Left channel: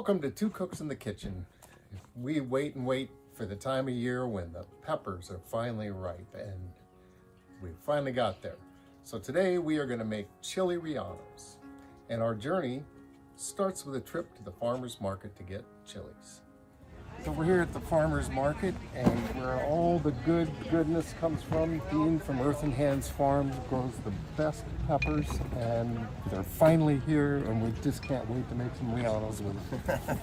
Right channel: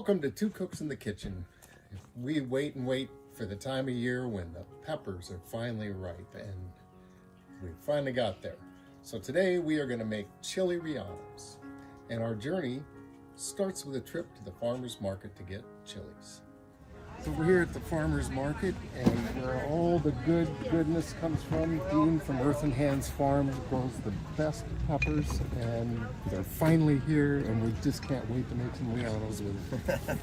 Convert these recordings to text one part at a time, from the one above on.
Welcome to Two Cooks in the Kitchen. We wait and wait for the time of year when the peppers are finally ripe, and we finally got there. So today we are going to make chili rellenos, and our journey starts with a trip to the farmer's market to get chilies. So we're here at the farmer's market, and where all the goodness comes from. Dean from Earth and Hands Farms grows the best peppers, and they're finally here, and we just can't wait to make some rellenos with them.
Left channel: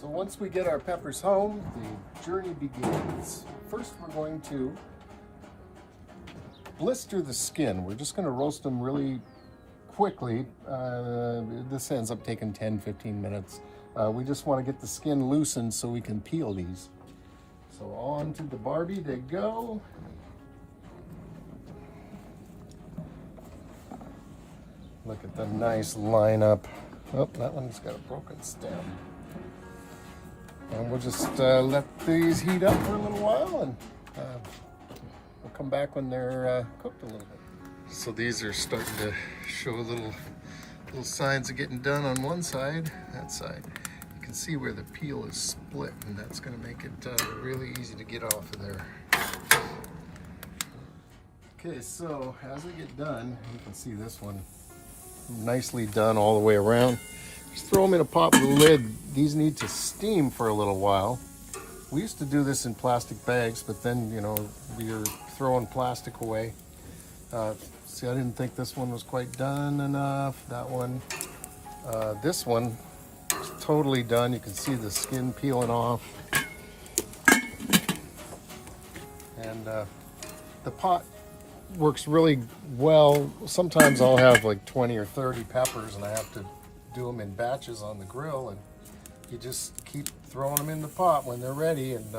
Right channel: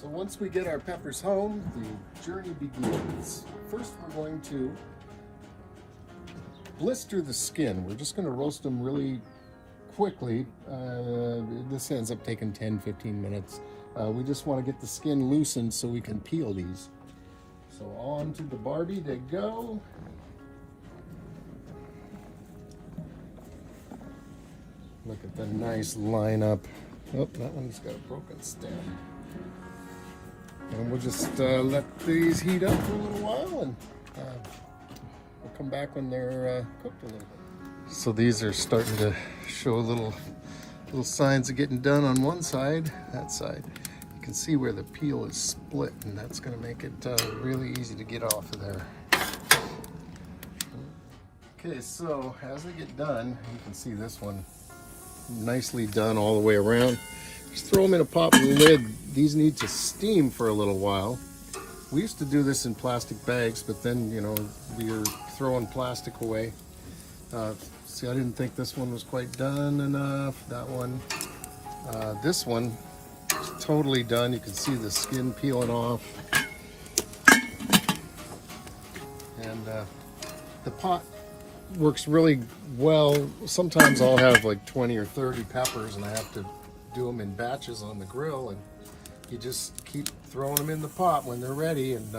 So once we get our peppers home, the journey begins. First, we're going to blister the skin. We're just going to roast them really quickly. This ends up taking 10-15 minutes. We just want to get the skin loosened so we can peel these. So on to the Barbie to go. Look at the nice lineup. Oh, that one's got a broken stem. And we'll just let these heat up for a little while, and we'll come back when they're cooked a little bit. So these are starting to show little signs of getting done on one side. That side, you can see where the peel is split, and that's going to make it really easy to get off of there. Okay, so as they get done, you can see this one nicely done all the way around. Just throw them in a pot with a lid. These need to steam for a little while. We used to do this in plastic bags, but then, you know, we were throwing plastic away. See, I didn't think this one was quite done enough. That one. This one is totally done. You can see the skin peeling off. And the pot works really well. Sometimes I'll have like 20 or 30 peppers, and I have to do them in batches on the grill, and you just keep throwing them in the pot when they're ready, and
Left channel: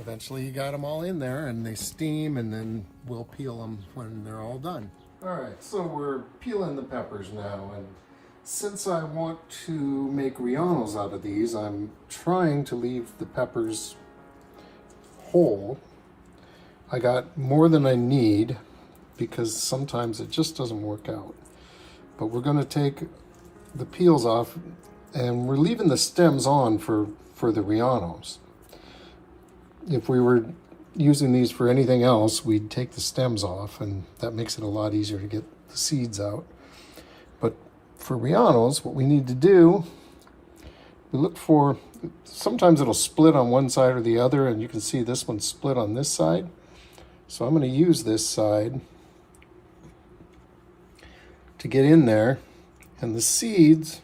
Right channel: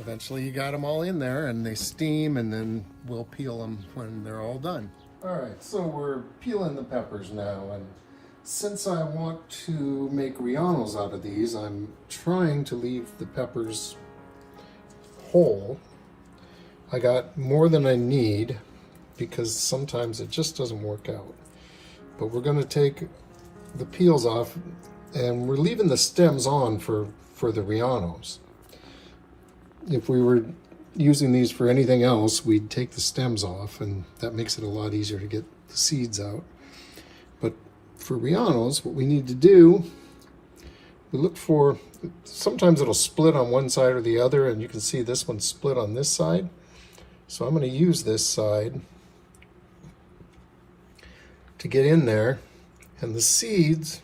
eventually you got them all in there and they steam, and then we'll peel them when they're all done. All right, so we're peeling the peppers now, and since I want to make rellenos out of these, I'm trying to leave the peppers whole. I got more than I need because sometimes it just doesn't work out. But we're going to take the peels off, and we're leaving the stems on for the rellenos. If we were using these for anything else, we'd take the stems off, and that makes it a lot easier to get the seeds out. But for rellenos, what we need to do, we look for, sometimes it'll split on one side or the other, and you can see this one split on this side. So I'm going to use this side to get in there, and the seeds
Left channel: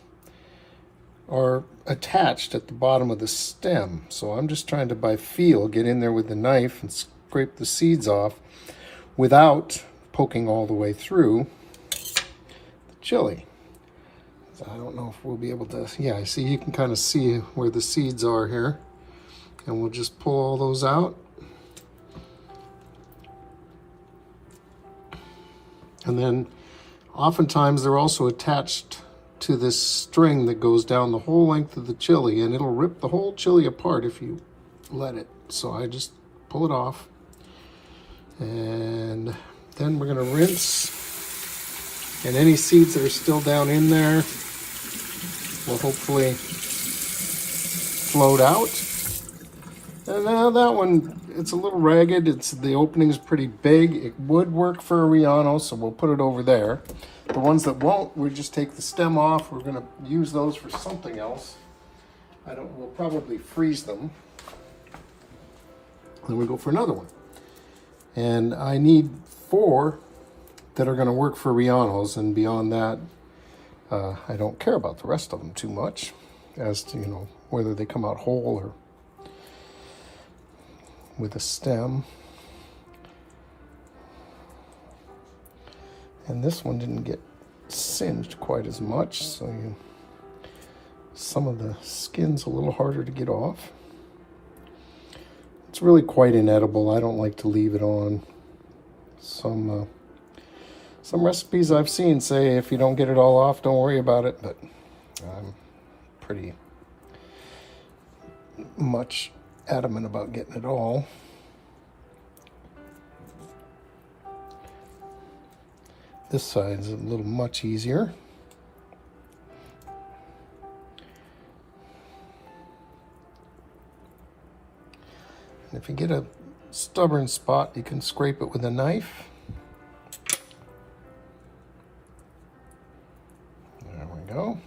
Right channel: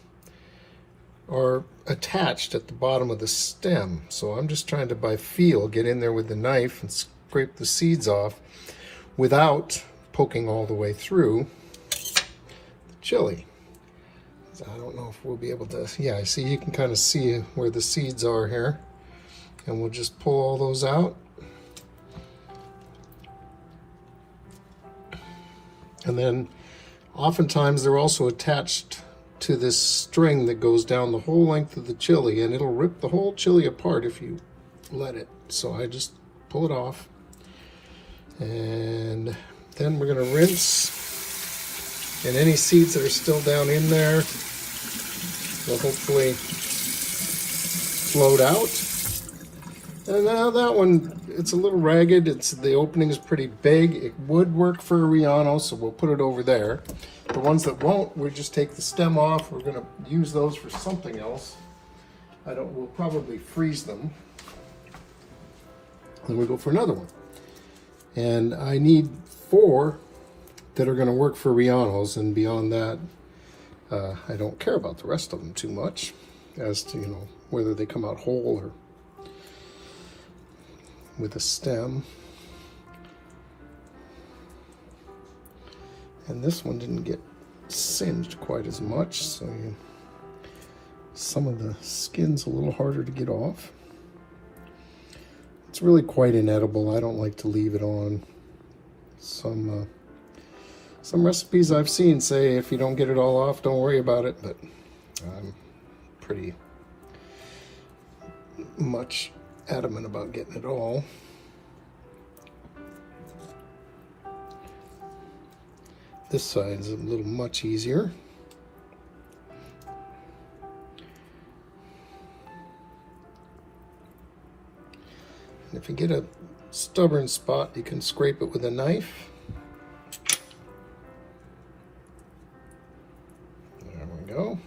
are attached at the bottom of the stem. So I'm just trying to, by feel, get in there with the knife and scrape the seeds off without poking all the way through the chili. So I don't know if we'll be able to, yeah, see, you can kind of see where the seeds are here, and we'll just pull all those out. And then oftentimes they're also attached to this string that goes down the whole length of the chili, and it'll rip the whole chili apart if you let it. So I just pull it off, and then we're going to rinse, and any seeds that are still down in there will hopefully float out. And that one, it's a little ragged. The opening's pretty big. It would work for a relleno, so we'll put it over there. The ones that won't, we just take the stem off. We're going to use those for something else. We'll probably freeze them. Then we go for another one. And I need 4 that are going to work for rellenos, and beyond that, I don't care about the rest of them too much as to, you know, whether they come out whole or with a stem. And this one didn't get singed quite as much, so some of the skin's a little harder to get off. It's really quite inedible. I don't like to leave it on. Some recipes I've seen say if you don't get it all off, don't worry about it, but I'm pretty much adamant about getting it all. This side's a little much easier. And if you get a stubborn spot, you can scrape it with a knife. There we go.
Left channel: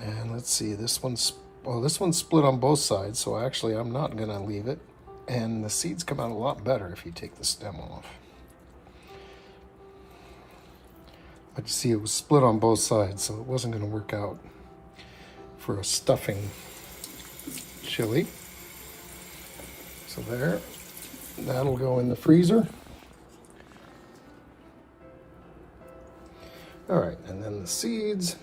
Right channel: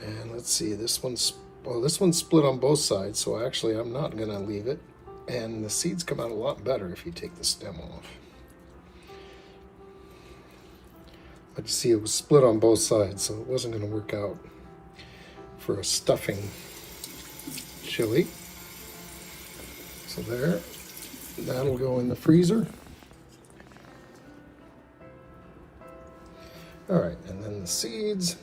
And let's see, this one's split on both sides, so actually I'm not gonna leave it. And the seeds come out a lot better if you take the stem off. But you see, it was split on both sides, so it wasn't gonna work out for a stuffing chili. So there, that'll go in the freezer. All right, and then the seeds.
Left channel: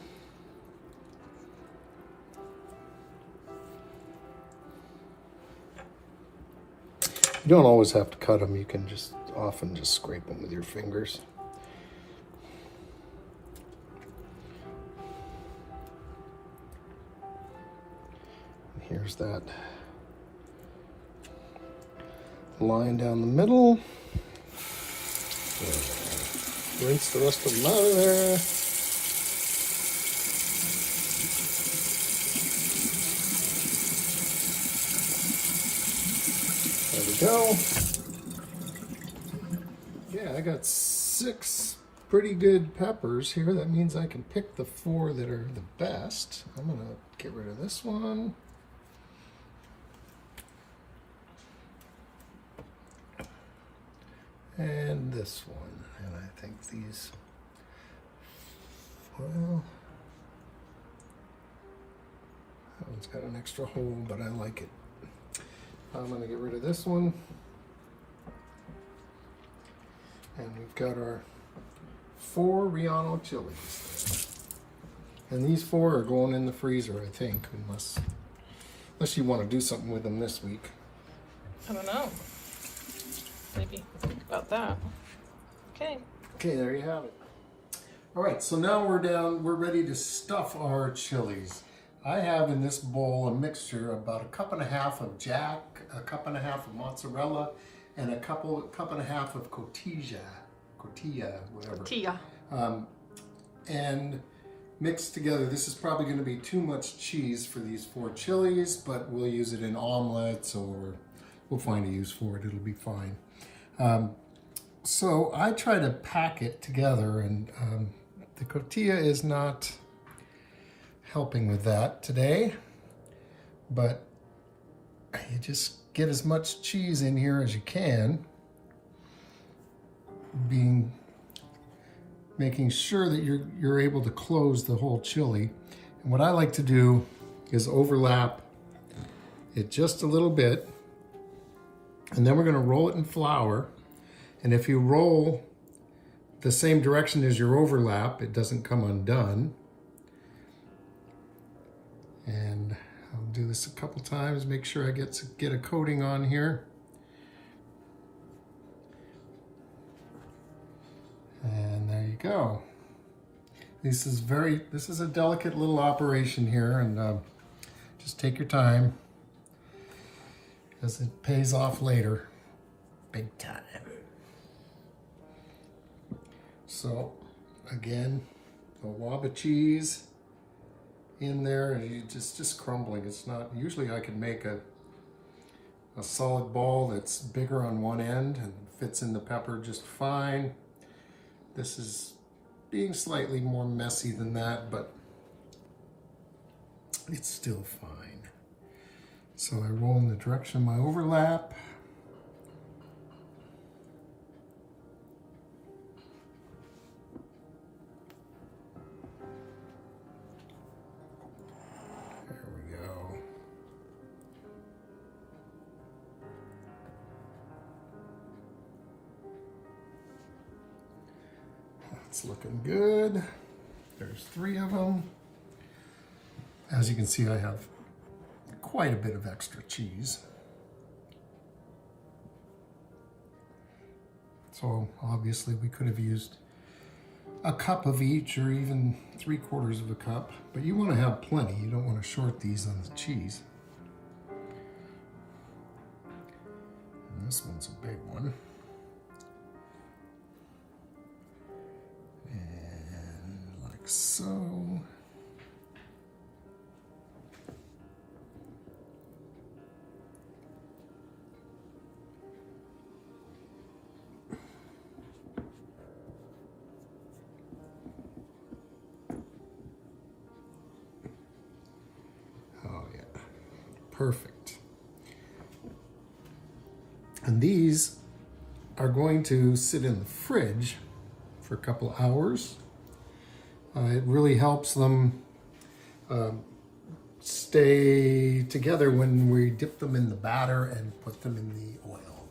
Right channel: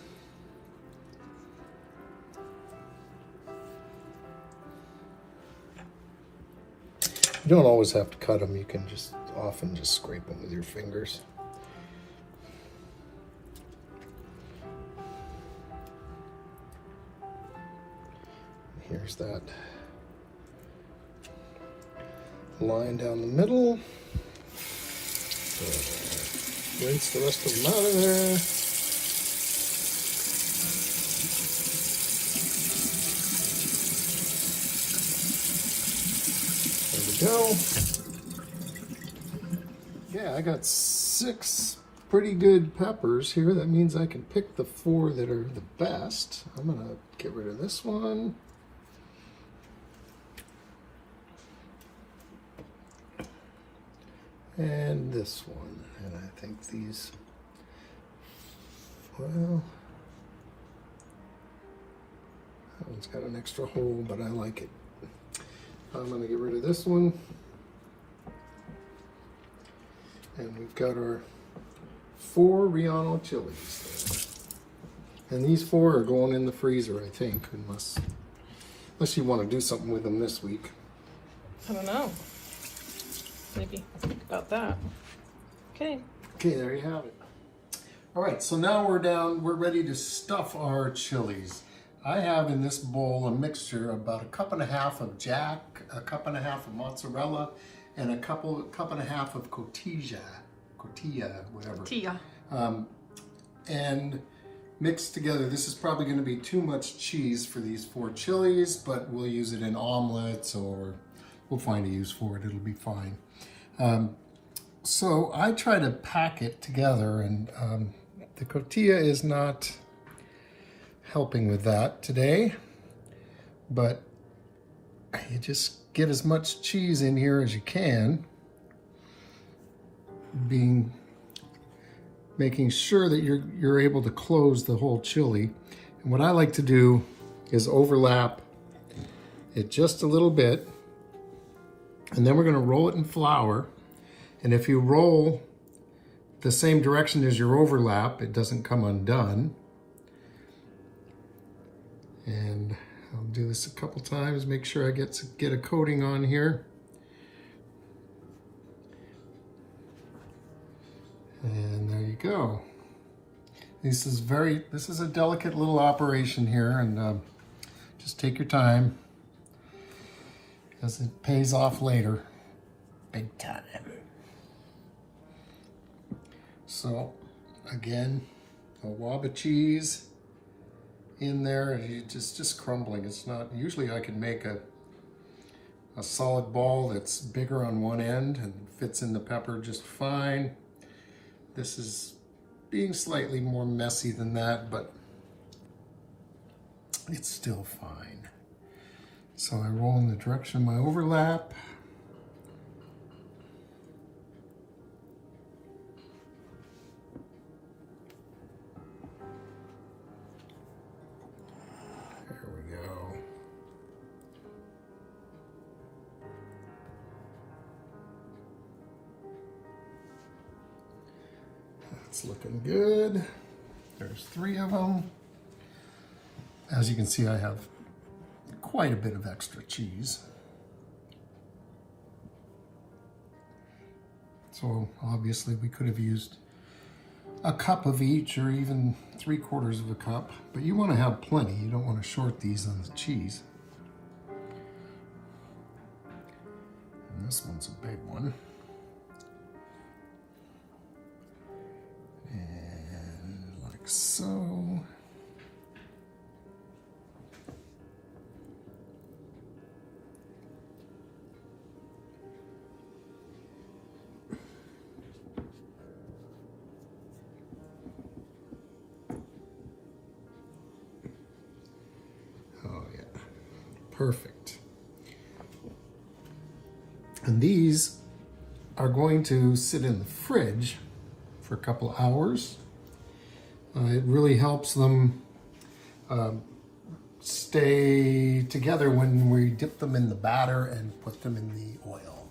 You don't always have to cut them. You can often just scrape them with your fingers. Here's that line down the middle. Rinse the rest of them out of there. There we go. Yeah, I got 6 pretty good peppers here. That means I can pick the 4 that are the best. I'm gonna get rid of this one. And this one, and I think these, well, that one's got an extra hole, but I like it. I'm going to get rid of this one. And we've got our 4 Relleno chilies. And these 4 are going in the freezer, I think, unless you want to do something with them this week. I don't know. Maybe think about that. Okay. Okay, there you have it. All right, so now we're ready to stuff our chilies. I have in this bowl a mixture, about 1.5 cups of Jack, 1.5 cups of mozzarella, and a cup and a half of cotija, whatever. Tortilla. And mixed together. This is probably going to be too much cheese for these 4 chilies, but we'll use it in omelets, or we'll find a use for it. It'll be fine. So I try to pack it together, and the cotija is not helping with that today, but you just get as much cheese in here as you can, making sure that you're able to close the whole chili. And what I like to do is overlap it just a little bit, and then we're going to roll it in flour. And if you roll the same direction as your overlap, it doesn't come undone. And I'll do this a couple times, make sure I get a coating on here. And there you go. This is a delicate little operation here, and just take your time, because it pays off later, big time. So again, a wad of cheese in there, and you just crumbling. It's not, usually I can make a solid ball that's bigger on one end and fits in the pepper just fine. This is being slightly more messy than that, but it's still fine. So I roll in the direction of my overlap. There we go. That's looking good. There's 3 of them. As you can see, I have quite a bit of extra cheese. So obviously we could have used a cup of each, or even 3/4 of a cup, but you want to have plenty. You don't want to short these on the cheese. This one's a big one. And like so. Oh yeah, perfect. And these are going to sit in the fridge for a couple hours. It really helps them stay together when we dip them in the batter and put them in the oil.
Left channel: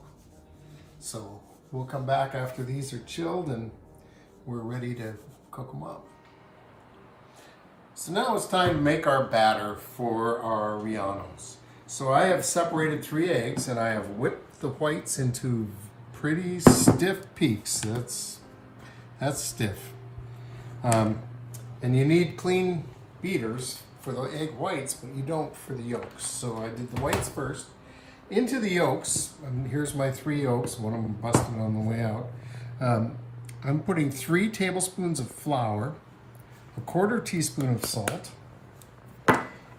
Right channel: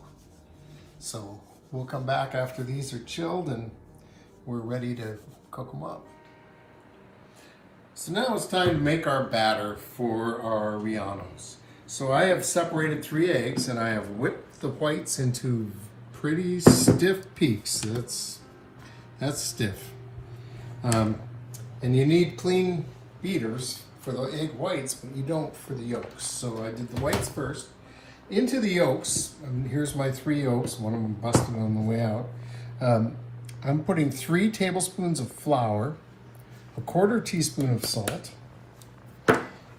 So we'll come back after these are chilled and we're ready to cook them up. So now it's time to make our batter for our Rellanos. So I have separated 3 eggs and I have whipped the whites into pretty stiff peaks. That's stiff. And you need clean beaters for the egg whites, but you don't for the yolks. So I did the whites first. Into the yolks, and here's my 3 yolks, one of them busted on the way out. I'm putting 3 tablespoons of flour, a 1/4 teaspoon of salt,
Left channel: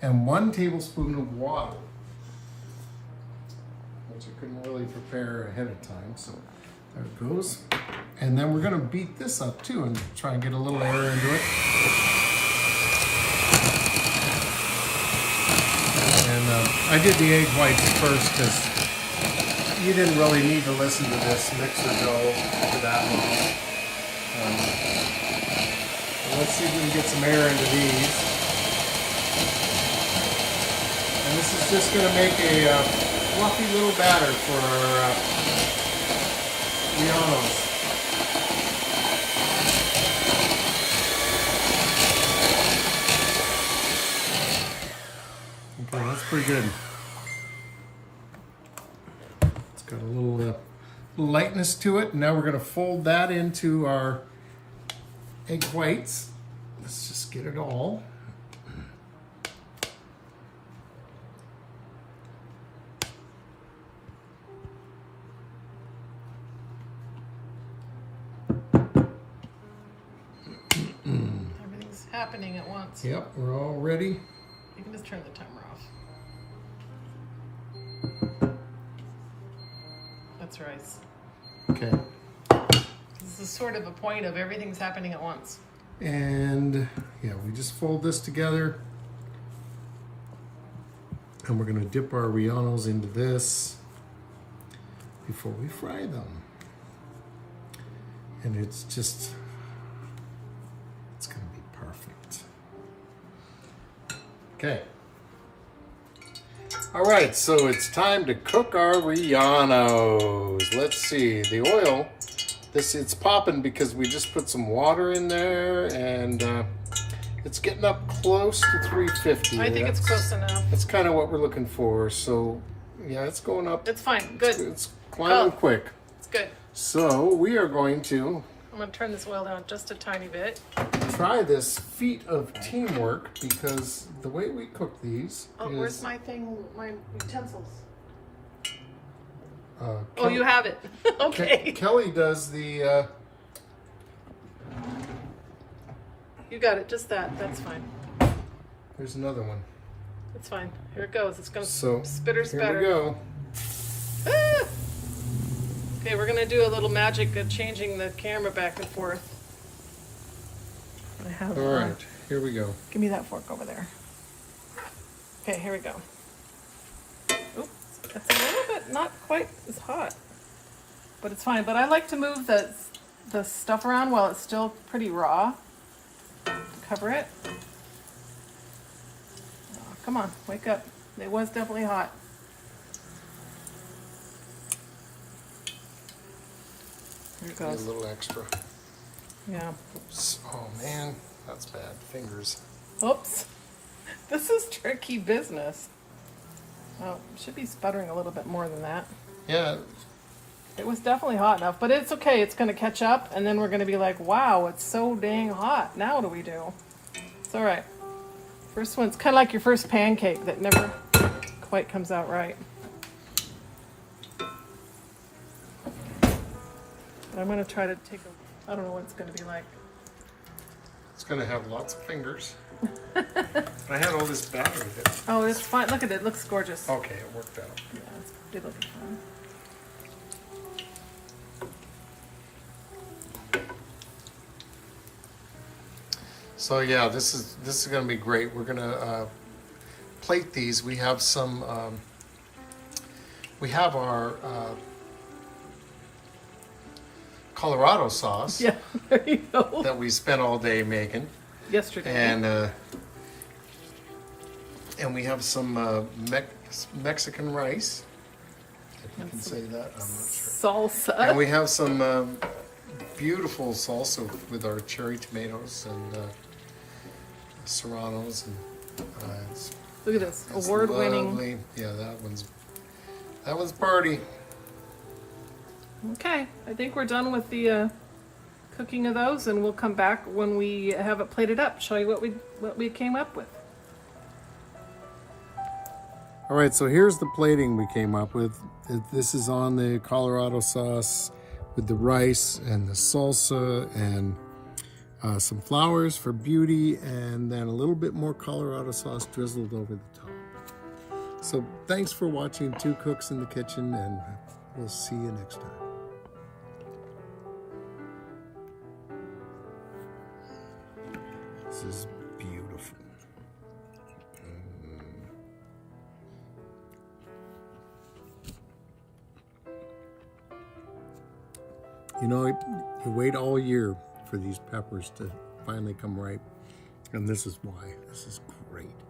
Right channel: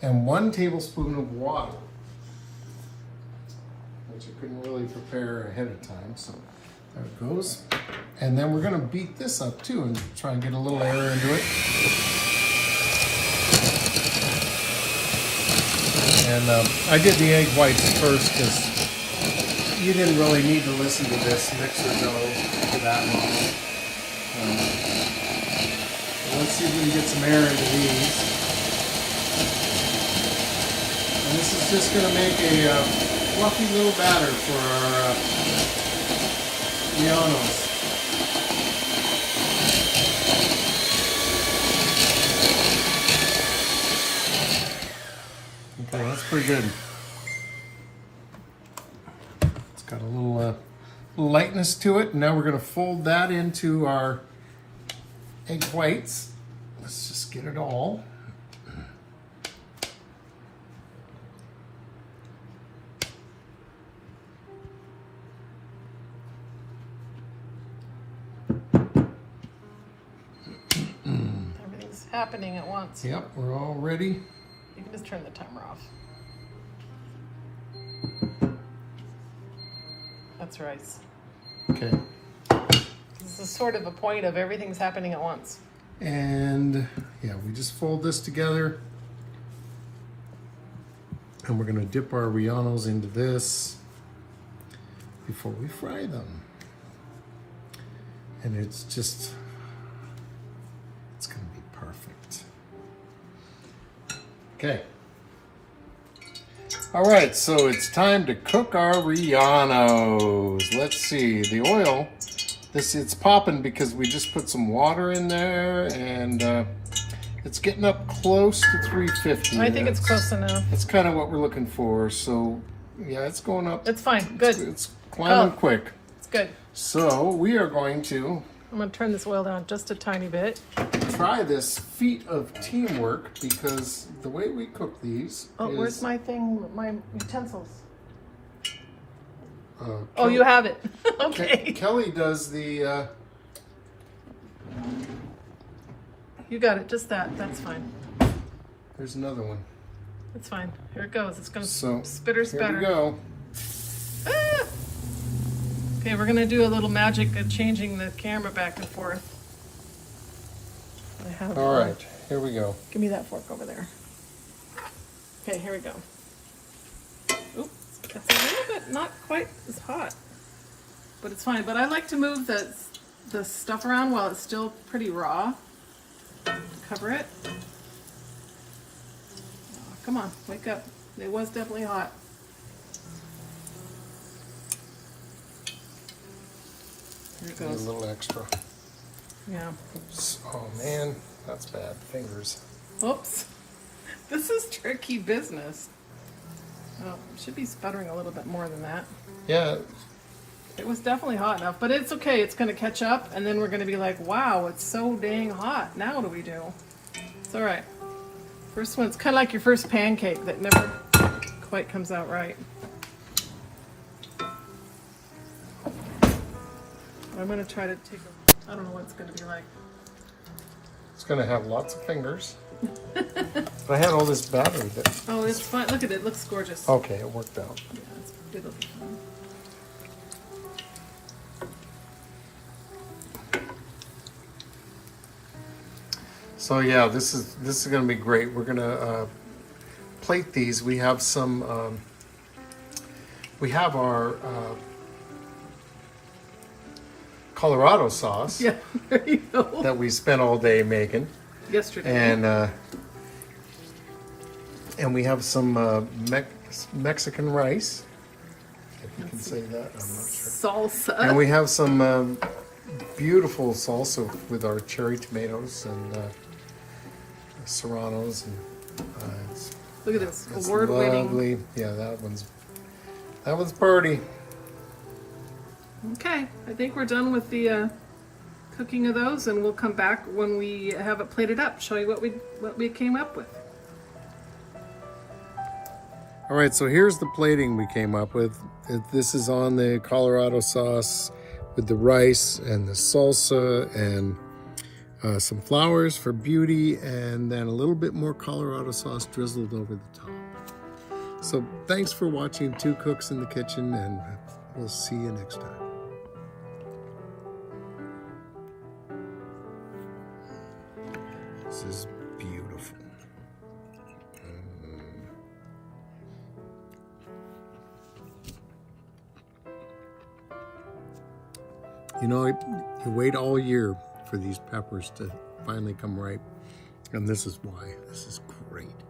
and 1 tablespoon of water, which I couldn't really prepare ahead of time, so there it goes. And then we're gonna beat this up too and try and get a little air into it. And I did the egg whites first because you didn't really need to listen to this mixer go for that long. Let's see if we can get some air into these. And this is just gonna make a fluffy little batter for our Rellanos. Okay, that's pretty good. It's got a little lightness to it. Now we're going to fold that into our egg whites. Let's just get it all. Everything's happening at once. Yep, we're all ready. You can just turn the timer off. That's rice. Okay. This is sort of a point of everything's happening at once. And yeah, we just fold this together. And we're gonna dip our Rellanos into this before we fry them. And it's gonna be perfect. Okay. All right, so it's time to cook our Rellanos. Let's see, the oil, it's popping because we just put some water in there and it's getting up close to 350. I think it's close enough. That's kind of what we're looking for. So yeah, it's going up. It's fine, good. It's climbing quick. It's good. So we are going to I'm gonna turn this oil down just a tiny bit. try this feat of teamwork because the way we cook these is... Where's my thing, my utensils? Oh, you have it. Okay. Kelly does the... You got it, just that. That's fine. There's another one. It's fine. Here it goes. It's gonna So spitter. here we go. Ah! Okay, we're gonna do a little magic of changing the camera back and forth. I have. All right, here we go. Give me that fork over there. Okay, here we go. Oops, it's a little bit not quite as hot, but it's fine. But I like to move the stuff around while it's still pretty raw. Cover it. Oh, come on, wake up. It was definitely hot. Here it Need a goes. little extra. Yeah. Oops. Oh man, that's bad. Fingers. Oops. This is tricky business. Oh, it should be sputtering a little bit more than that. Yeah. It was definitely hot enough, but it's okay. It's going to catch up, and then we're going to be like, wow, it's so dang hot. Now what do we do? It's all right. First one, it's kind of like your first pancake that never quite comes out right. I'm going to try to take I don't know what it's going to be like. It's going to have lots of fingers. I had all this battery that... Oh, it's fun. Look at it. It looks gorgeous. Okay, it worked out. Yeah, it'll be fun. So yeah, this is going to be great. We're going to plate these. We have some... we have our Colorado sauce. Yeah, there you go. That we spent all day making. Yesterday. And we have some Mexican rice. If you can say that, I'm not sure. Salsa. And we have some beautiful salsa with our cherry tomatoes and serranos. And Look at this it's award-winning. lovely. Yeah, that was party. Okay, I think we're done with the cooking of those, and we'll come back when we have it plated up. Show you what we came up with. All right, so here's the plating we came up with. This is on the Colorado sauce with the rice and the salsa and some flowers for beauty, and then a little bit more Colorado sauce drizzled over the top. So thanks for watching Two Cooks in the Kitchen, and we'll see you next time. This is beautiful. You know, you wait all year for these peppers to finally come ripe, and this is why. This is great.